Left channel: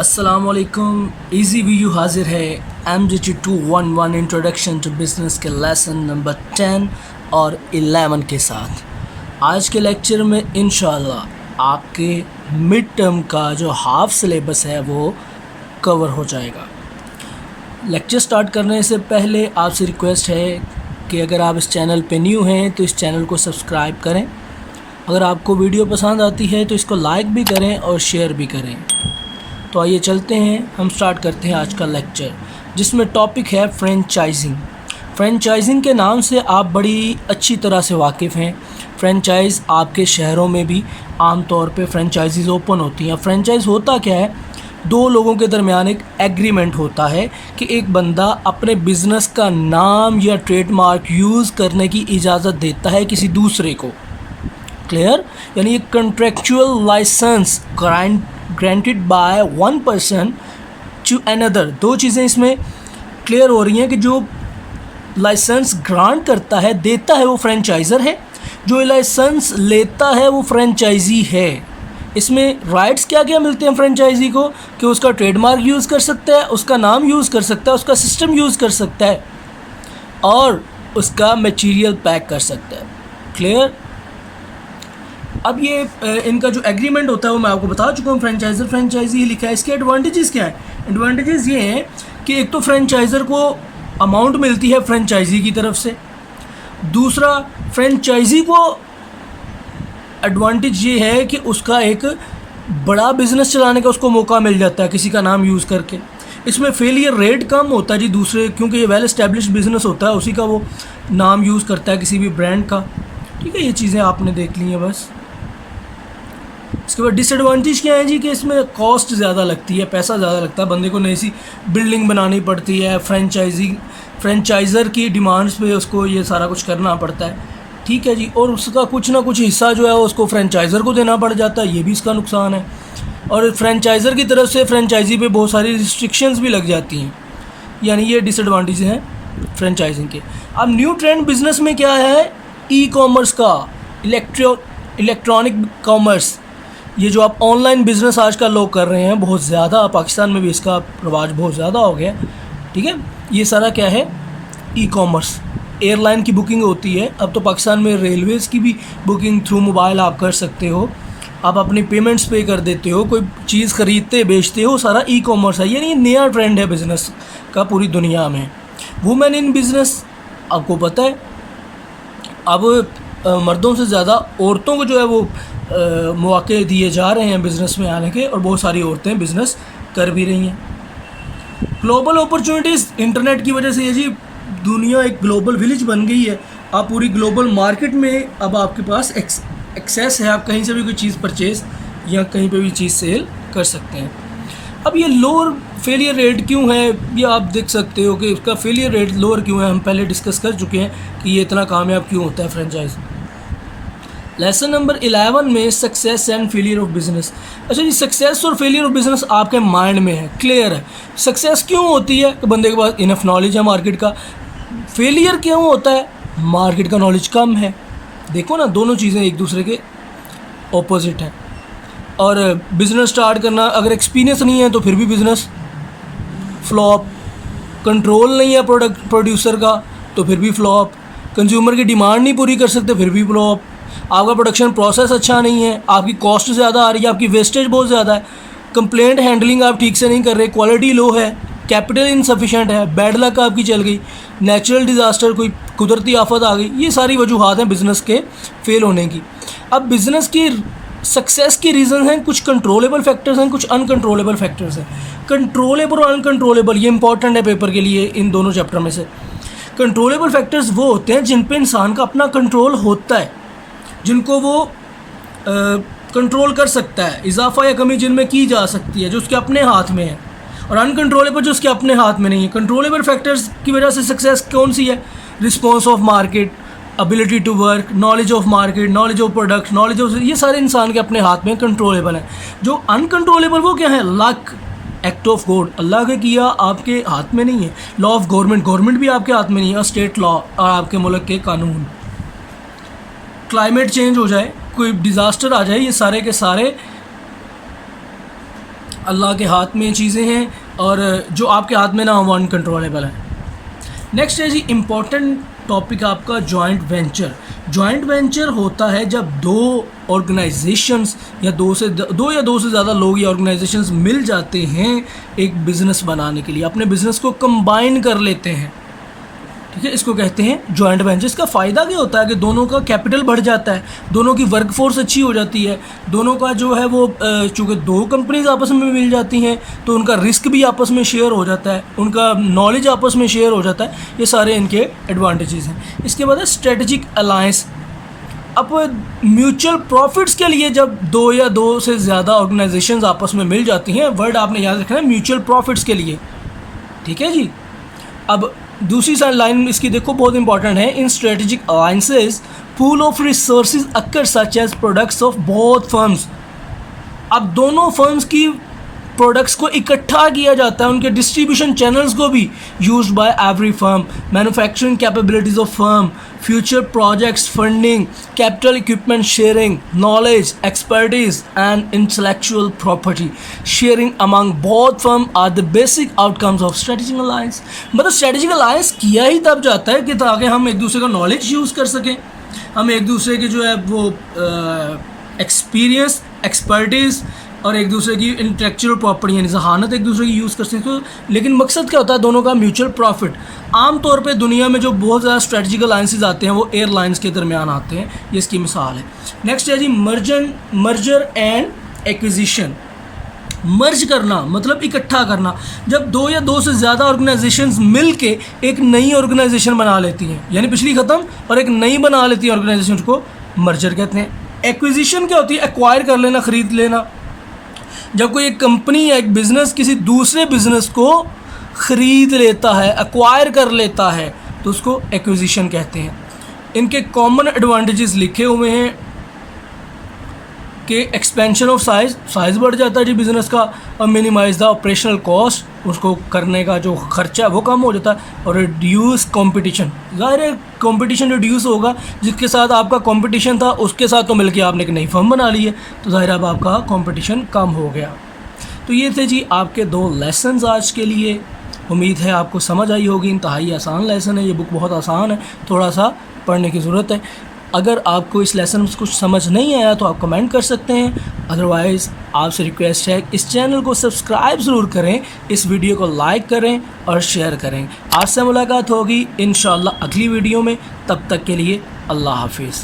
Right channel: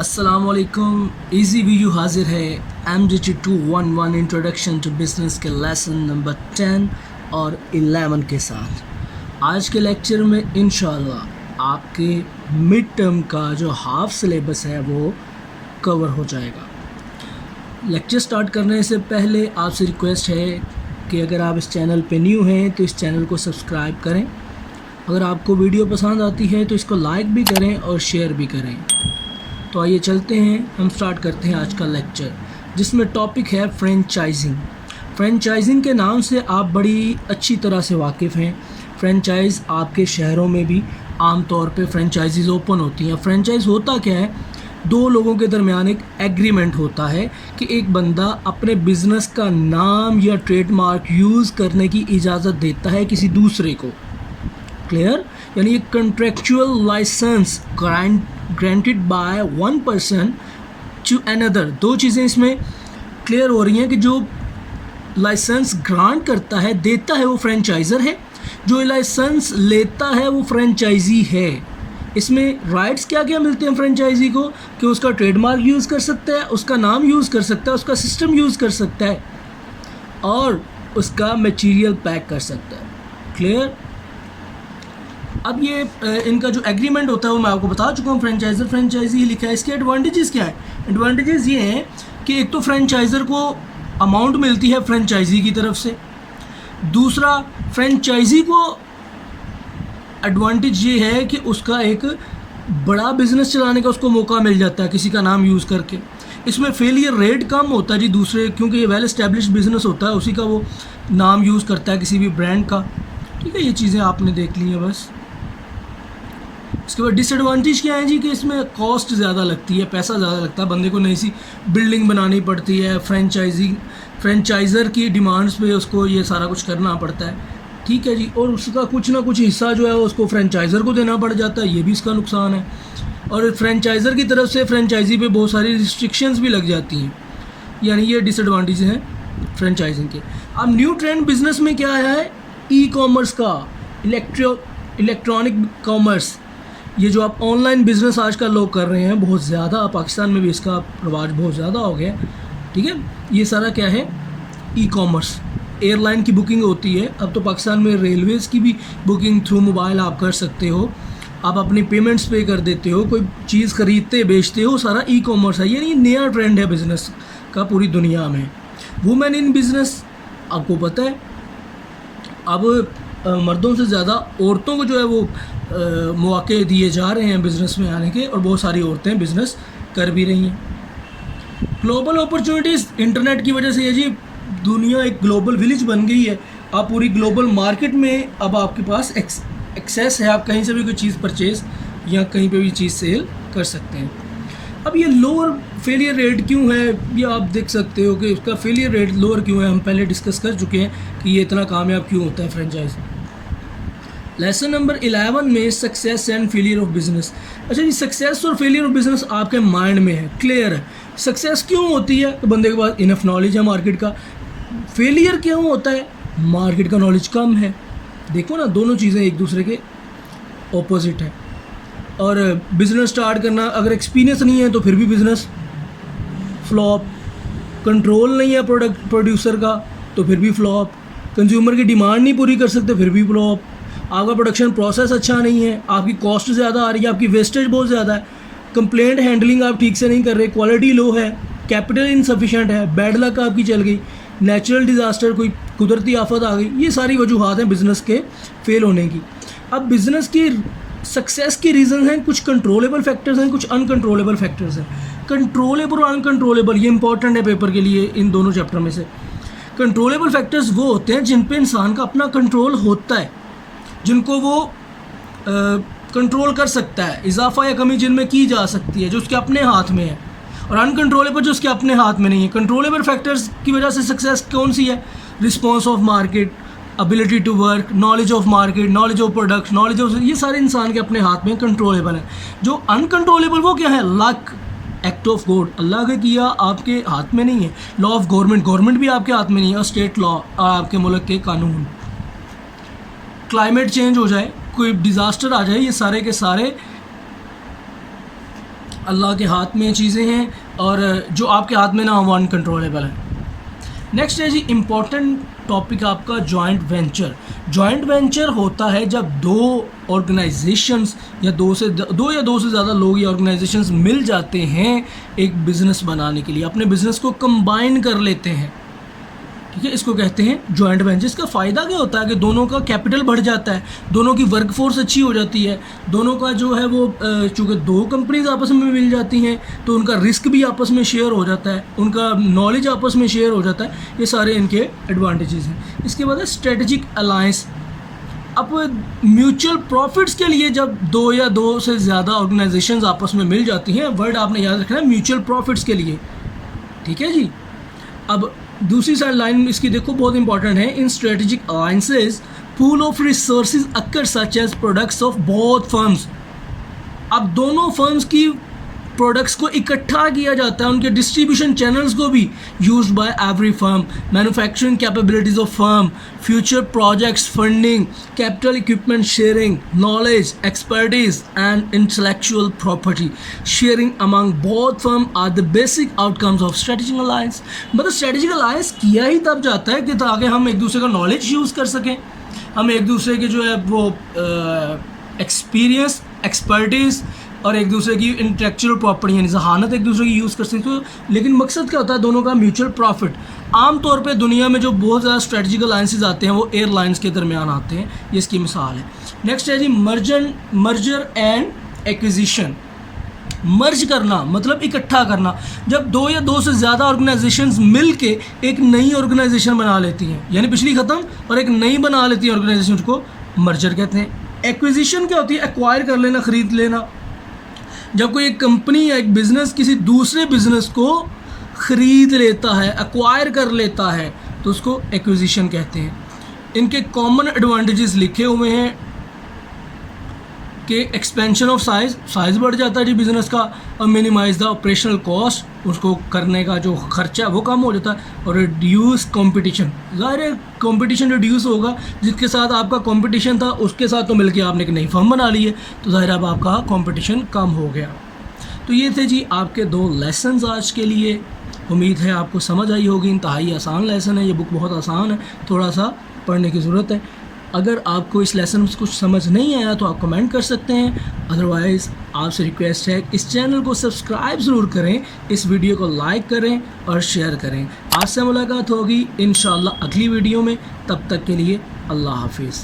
अस्सलामुअलैकुम। Easy video हाजिर है MDT211 इंट्रोडक्शन टू बिज़नेस के लेसन नंबर 10 और 11 के साथ। आज के लेक्चर में इंशाल्लाह आपके मिड टर्म का जो हाफ सिलेबस है वो कवर हो जाएगा। लेक्चर स्टार्ट करने से पहले आपसे रिक्वेस्ट है कि अगर आप इस चैनल पे न्यू हैं तो इस चैनल को सब्सक्राइब करें। अगर आपको वीडियो पसंद आती है तो इसको लाइक भी करें और शेयर भी करें। तो आइए चलते हैं, हम स्टार्ट करते हैं आज का लेक्चर, जिसमें टॉपिक है फ्रेंचाइजिंग। फ्रेंचाइजिंग के नाम से आप बड़ी अच्छी तरह से वाकिफ़ हैं। फ्रेंचाइज़ आपके शहरों में भी आम तौर पे फ्रेंचाइजीज़ ओपन होती हैं। फ्रेंचाइज़ होता क्या है? दो लोगों के दरमियान एक एग्रीमेंट होता है कि एक बंदा अपने बिज़नेस का नाम या ट्रेडमार्क यूज़ करने की इजाज़त देता है किसी दूसरे को। क्लियर? यानी एक contractual license granted by one person to another. दो चीज़ें इसमें क्लियर हो रही हैं कि जो लाइसेंस ग्रांट करता है, देता है, वो फ्रेंचाइज़र है। जो लाइसेंस लेता है वो फ्रेंचाइजी है। इसमें राइट्स क्या क्या मिलते हैं फ्रेंचाइजी को कि उसका ट्रेडमार्क यूज़ कर सकता है, उसका नाम यूज़ कर सकता है, उसका सिस्टम यूज़ कर सकता है और उसका मटेरियल पैक कर सकता है। क्लियर? अब ये इनका जो एग्रीमेंट होता है वो मैं आपको बता चुका हूँ। फ्रेंचाइज़र फ्रेंचाइजी लिखा है। इसके एडवांटेजेस क्या हैं? एडवांटेजेस ये हैं कि एक तो फ्रेंचाइज़र को अमाउंट मिलती है फ्रेंचाइजी की तरफ से। दूसरा, फ्रेंचाइजी को एडवांटेज ये है कि उसका एक बड़ा बिज़नेस चलाने का उसको मौका मिल जाता है किसी का नाम यूज़ करके। इसमें फेलियर रेट कम होता है जी दूसरे, क्योंकि ये वेल एस्टेब्लिश्ड बिज़नेस होता है, उसी का वो नाम यूज़ करता है किसी भी ब्रांड का। ठीक है, ये चीज़ें आपने देख ली हैं बस। इसके बाद डिसएडवांटेज क्या है जी कि इसमें कॉस्ट ज़्यादा लगती है, पैसा ज़्यादा लगता है, बंदे को नई सी बिल्डिंग बनानी पड़ती है, फ्रेंचाइज़र की डिमांड्स पे उसको ये सारा कुछ करना पड़ता है। ठीक है जी, और उसका कुछ ना कुछ हिस्सा जो है उसको फ्रेंचाइज़र को देना पड़ जाता है, ये भी इसका नुकसान है। और फ्रेंचाइज़र की तरफ से फ्रेंचाइजी पे बहुत सारी रिस्ट्रिक्शंस भी लग जाती हैं, यानी ये डिसएडवांटेज हैं फ्रेंचाइजिंग के। अब न्यू ट्रेंड बिज़नेस में क्या है? ई कॉमर्स का, इलेक्ट्रॉनिक कॉमर्स। ये जो आप ऑनलाइन बिज़नेस आजकल लोग कर रहे हैं बहुत ज़्यादा, पाकिस्तान में भी इसका रवाज बहुत ज़्यादा हो गया। ठीक है, ये सारा क्या है? E commerce. एयरलाइन की बुकिंग होती है, अब तो पाकिस्तान में रेलवेज़ की भी बुकिंग थ्रू मोबाइल आप कर सकते हो। आप अपनी पेमेंट्स पे कर देते हो, कोई चीज़ ख़रीदते बेचते हो, सारा ई कॉमर्स है। यानी ये नया ट्रेंड है बिज़नेस का पूरी दुनिया में। वुमेन इन बिज़नेस, आपको पता है अब मर्दों से ज़्यादा औरतों को जो है वो मौके दिए जा रहे हैं बिज़नेस में आने के, और बहुत सारी औरतें बिज़नेस कर भी रही हैं। ग्लोबल अपॉर्चुनिटीज़, इंटरनेट की वजह से ये जी दुनिया एक ग्लोबल विलेज बन गई है। आप पूरी ग्लोबल मार्केट में अब आपके पास एक्सेस है, आप कहीं से भी कोई चीज़ परचेज़ या कहीं पे भी चीज़ सेल कर सकते हैं। अब ये लोअर फेलियर रेट क्यों है, ये आप देख सकते हो कि उसका फेलियर रेट लोअर क्यों है। हम पहले डिस्कस कर चुके हैं कि ये इतना कामयाब क्यों होता है फ्रेंचाइज। लेसन नंबर 11 में success and failure of business. अच्छा जी, सक्सेस और फेलियर ऑफ बिज़नेस आपके माइंड में है, क्लियर है। सक्सेस क्यों होती है कि बंदे के पास इनफ नॉलेज है मार्केट का। फेलियर क्यों होता है? मार्केट का नॉलेज कम है। देखो ना, दोनों चीज़ें एक दूसरे के ऑपोजिट हैं। और बिज़नेस स्टार्ट करना, अगर एक्सपीरियंस नहीं है तो फिर भी बिज़नेस फ्लॉप। कंट्रोल नहीं है प्रोडक्ट प्रोड्यूसर का तो फिर भी फ्लॉप। कंज्यूमर की डिमांड नहीं पूरी कर सकते फिर भी फ्लॉप। आपका प्रोडक्शन प्रोसेस अच्छा नहीं है, आपकी कॉस्ट ज़्यादा आ रही है, आपकी वेस्टेज बहुत ज़्यादा है, कंप्लेंट हैंडलिंग आप ठीक से नहीं कर रहे, क्वालिटी लो है, कैपिटल इनसफिशेंट है, बैड लक आपकी चल गई, नेचुरल डिज़ास्टर, कोई कुदरती आफत आ गई। ये सारी वजूहात हैं बिज़नेस के फेल होने की। अब बिज़नेस की सक्सेस की रीज़न हैं, कुछ कंट्रोलेबल फैक्टर्स हैं, कुछ अनकंट्रोलेबल फैक्टर्स हैं। कंट्रोलेबल और अनकंट्रोलेबल ये इंपॉर्टेंट है पेपर के लिए इन दोनों चैप्टर में से। कंट्रोलेबल फैक्टर्स वो होते हैं जिन पे इंसान का अपना कंट्रोल होता है, जिनको वो कंट्रोल कर सकता है, इजाफा या कमी जिनमें की जा सकती है, जो उसके अपने हाथ में है। और अनकंट्रोलेबल जो उसके अपने हाथ में नहीं है। कंट्रोलेबल फैक्टर्स की वजह से सक्सेस कौन सी है? Response of market, ability to work, knowledge of market, knowledge of product, knowledge of, ये सारे इंसान के अपने हाथ में कंट्रोलेबल हैं। जो अनकंट्रोलेबल वो क्या है? लक, एक्ट ऑफ गॉड, अल्लाह के किया, आपके हाथ में नहीं है। लॉ ऑफ गवर्नमेंट भी आपके हाथ में नहीं है, और स्टेट लॉ और आपके मुल्क के कानून। क्लाइमेट चेंज हो जाए, कोई डिज़ास्टर आ जाए, ये सारे के सारे अल्लाह के हाथ में चीज़ें हैं और जो आपके हाथ में ना हो वो अनकंट्रोलेबल है। नेक्स्ट है जी इम्पॉर्टेंट टॉपिक आपका जॉइंट वेंचर। जॉइंट वेंचर होता है जब दो ऑर्गेनाइजेशंस या दो से ज़्यादा लोग या ऑर्गेनाइजेशंस मिल जाते हैं एक बिज़नेस बनाने के लिए, अपने बिज़नेस को कंबाइन कर लेते हैं, ठीक है, इसको कहते हैं जॉइंट वेंचर। इसका फ़ायदा क्या होता है कि दोनों का कैपिटल बढ़ जाता है, दोनों की वर्क फोर्स अच्छी हो जाती है, दोनों का जो है वो चूँकि दो कंपनीज आपस में मिल जाती हैं तो उनका रिस्क भी आपस में शेयर हो जाता है, उनका नॉलेज आपस में शेयर हो जाता है। ये सारे इनके एडवांटेजेस हैं। इसके बाद है स्ट्रेटजिक अलायंस। अब म्यूचुअल प्रॉफिट्स के लिए जब दो या दो से ज़्यादा ऑर्गेनाइजेशंस आपस में मिल जाती हैं, वर्ड आपने याद रखना है म्यूचुअल प्रॉफिट्स के लिए, ठीक है जी। अब दूसरी साइड लाइन इसकी देखो बहुत इंपॉर्टेंट है। In strategic alliances pool of resources occur such as products of both firms. अब दोनों फर्म्स की प्रोडक्ट्स को इकट्ठा किया जाता है, उनके डिस्ट्रीब्यूशन चैनल्स को भी used by every firm, manufacturing capabilities of firm, future projects funding, capital equipment sharing, knowledge expertise and intellectual property sharing among both firm are the basic outcomes of strategic alliance. मतलब strategic alliance किया ही तब जाता है कि ताकि हम एक दूसरे का नॉलेज यूज़ कर सकें, हम एक दूसरे के जो है वो एक्सपीरियंस, एक्सपर्टीज़ और एक दूसरे की इंटेलेक्चुअल प्रॉपर्टी यानी जहानत एक दूसरे की यूज़ कर सकते हो। लेकिन मकसद क्या होता है, दोनों का म्यूचुअल प्रॉफिट। आमतौर पे दुनिया में जो बहुत ज़्यादा स्ट्रेटजिक अलायंसेज आते हैं वो एयरलाइंस के दरमियान आते हैं, ये इसकी मिसाल है। नेक्स्ट है जी मर्जर एंड एक्विजिशन। मर्ज करना मतलब इकट्ठा करना, जब दो या दो से ज़्यादा ऑर्गेनाइजेशंस मिल के एक नई ऑर्गेनाइजेशन बना लेती हैं, यानी पिछली ख़त्म और एक नई बना लेती हैं ऑर्गेनाइजेशन, को मर्जर कहते हैं। एक्विजिशन क्या होती है, एक्वायर कर लेना, ख़रीद लेना। जब कोई एक कंपनी या एक बिज़नेस किसी दूसरे बिज़नेस को ख़रीद लेता है, एक्वायर कर लेता है, तो उसको एक्विजिशन कहते हैं। इनके कॉमन एडवांटेजेस लिखे हुए हैं कि एक्सपेंशन ऑफ साइज़ बढ़ जाता है जी बिज़नेस का, और मिनिमाइज़ द ऑपरेशनल कॉस्ट, उसको करने का जो खर्चा है वो कम हो जाता है, और रिड्यूस कंपटीशन। ज़ाहिर है कंपटीशन रिड्यूस होगा, जिसके साथ आपका कंपटीशन था उसके साथ तो मिलके आपने एक नई फर्म बना ली है, तो ज़ाहिर अब आपका कंपटीशन कम हो गया। तो ये थे जी आपके 2 लेसन्स आज के लिए। उम्मीद है आपको समझ आई होगी। इंतहाई आसान लेसन है, ये बुक बहुत आसान है, थोड़ा सा पढ़ने की ज़रूरत है। अगर आपको इस लेसन में कुछ समझ नहीं आया तो आप कमेंट कर सकते हैं, अदरवाइज़ आपसे रिक्वेस्ट है इस चैनल को सब्सक्राइब ज़रूर करें, इस वीडियो को लाइक करें और शेयर करें। आज से मुलाकात होगी इंशाअल्लाह अगली वीडियो में, तब तक के लिए अल्लाह हाफिज़।